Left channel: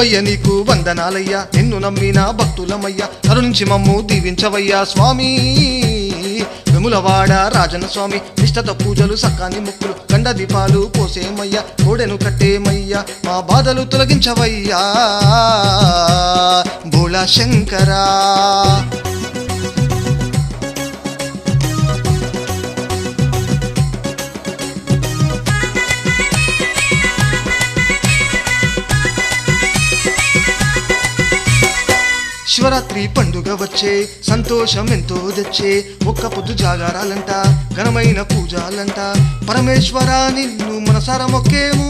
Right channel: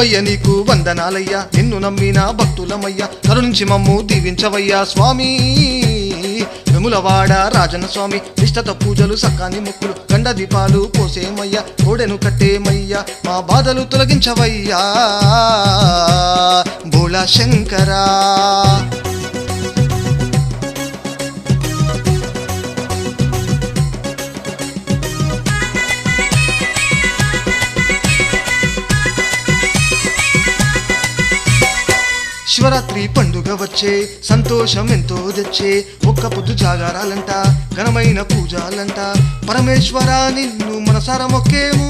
శివయ్య నీకు వందనాలయ్యా, నిన్ను నమ్మిన భక్తులమయ్యా, కరుణించి మమ్ము దీవించవయ్యా స్వామి. వెములవాడ రాజన స్వామి నిష్టత పూజలు సకాని మొక్కులు గండ దీపాలు పోసేమయ్యా, కోడెను కట్టేమయ్యా, మా బాధలు తొలగించవయ్యా భోళా శంకరా. శివరాత్రి పండుగ వచ్చే సంతోషం ఎంతో తెచ్చే, ఒక్క పొద్దు జాగారాలంట ఘనమైన పూజాలంట, పరమేశ్వర నిన్ను మనసార మొక్కేము,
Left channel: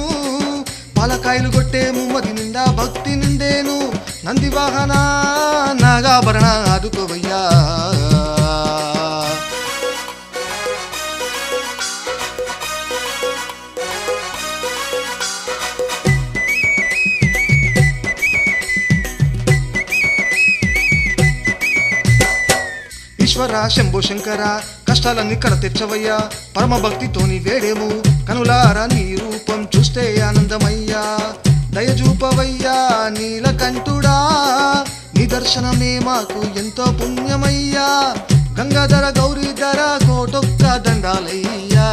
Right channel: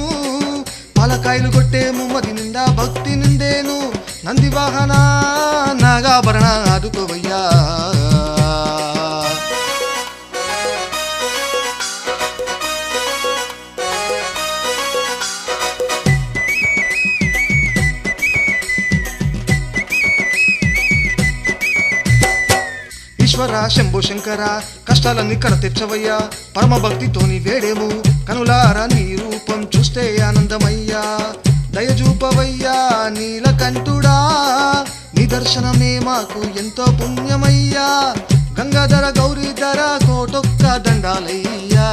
పాలకాయలు కొట్టేము, మది నిండా భక్తి నిండేను, నంది వాహన నాగాభరణ ఆదుకోవయ్యా. ఈశ్వర శంభో శంకర కష్టాలన్నీ కడ తెచ్చవయ్యా, పరమ భక్తితోని వేడేము, కనులారా నీ రూపం చూస్తే ఆనందమయ్యా, దయజూపవయ్యా నీలకంఠుడా, నీ దర్శనమే మాకు ఎంతో పుణ్యమయ్యా, గంగాధర గౌరీధర కోటొక్క దండాలయ్యా.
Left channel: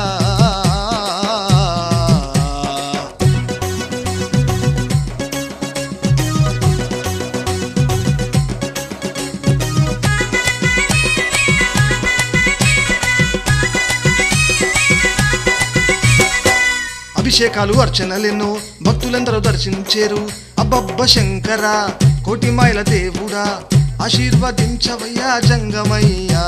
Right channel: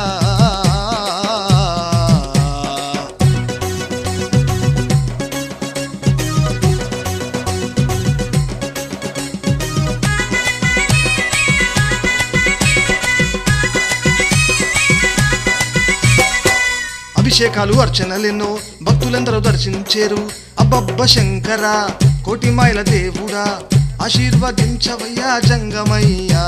అభిషేకాలు అర్చనలెన్నో భక్తులందరూ దర్శించేరు, అబ్బబ్బ శంకర కోటి మాయల దేవుడా, ఆశీర్వదించవయ్యా జంగమయ్యా.